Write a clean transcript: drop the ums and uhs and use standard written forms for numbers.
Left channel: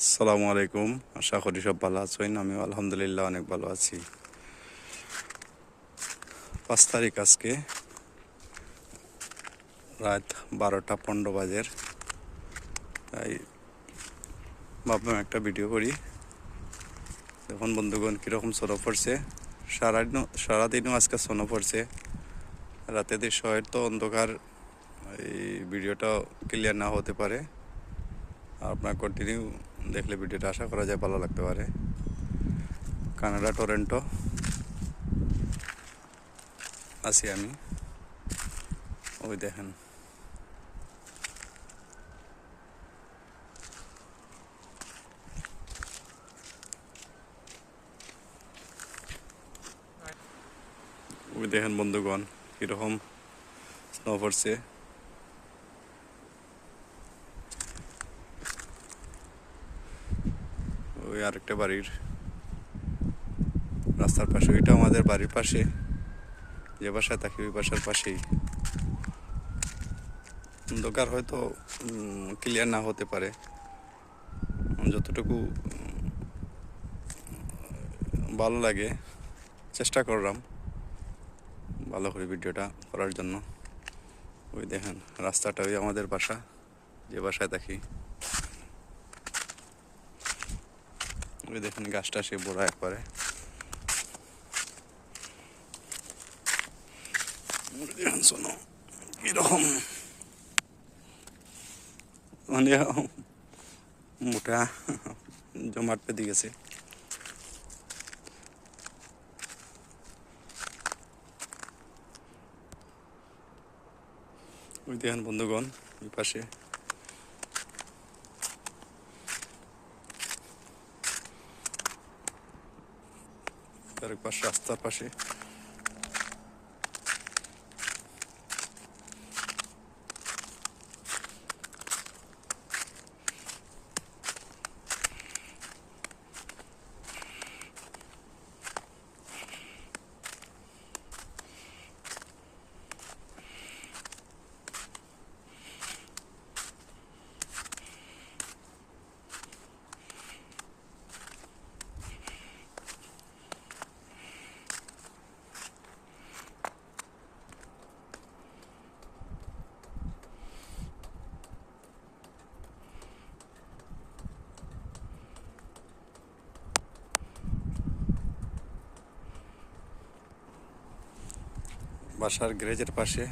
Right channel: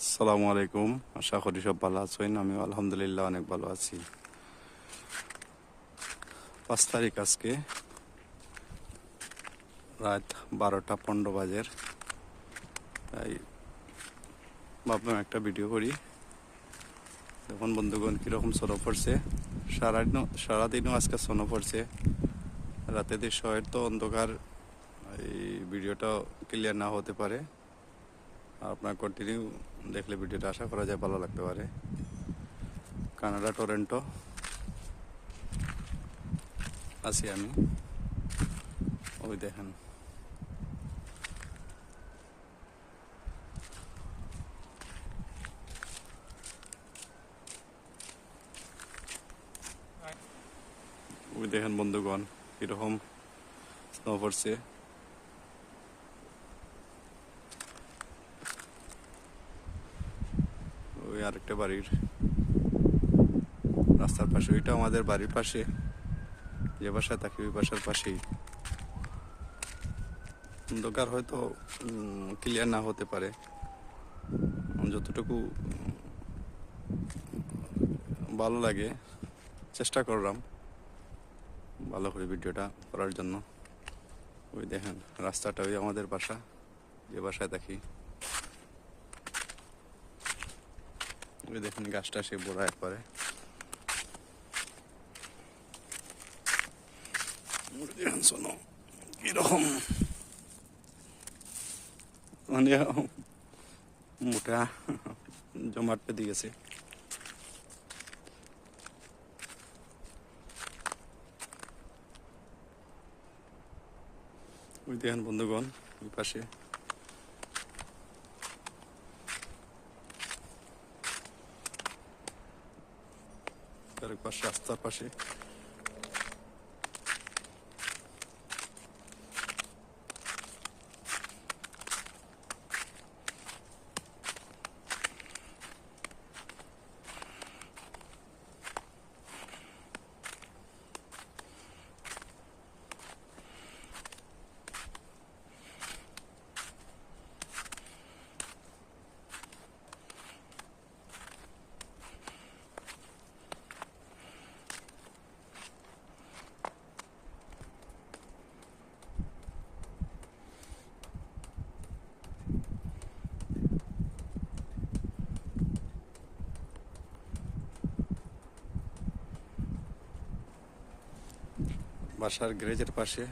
আসসালামু আলাইকুম। আশা করি সব ভালো আছেন। আমি আলহামদুলিল্লাহ অনেক ভালো আছি। 5 তারিখ আজকে রাত 12টা 15 বাজে। তাই ভাবলাম একটা ভিডিও করি। দেখুন বন্ধুগণ কীরকম স্নো পড়ছে। সারাদিনও আজকে স্নো পড়ছে। রাতে শহর তো অন্ধকার, এই ভিডিওটা ক্লিয়ার না হতে পারে। আপনার কন্টিনিউ দেখলে ভিডিওটা আশা করা যায় ভালো লাগতে পারে। কানাডা টরেন্টো আছি আমি। ওই দেখেন বন্ধুগণ কীরকম স্নো পড়ছে। ওই আরেকটা বাড়ির রাস্তার পাশে, ওইটা আমাদের বাড়ির পাশে, যে বাসায় থাকি ওই বাসার পাশেই। অন্ধকার হয়তো ক্লিয়ার না হতে পারে, যতটুকু ভালো লাগে চেষ্টা করলাম ভালো করে ভিডিওটা করার জন্য। ওই দেখেন রাস্তাটা, ওই আমাদের বাসা, যে বাসায় থাকি। ওই দেখেন গাছটা সে বড় একবারে। দেখেন শোনো এরকম মানে মোটা জমাট পেতে গেছে। ওই দেখেন বন্ধুগণ এই পাশে আরেক পাশে রাস্তার পাশে। বাসার গ্যারেজের পাশে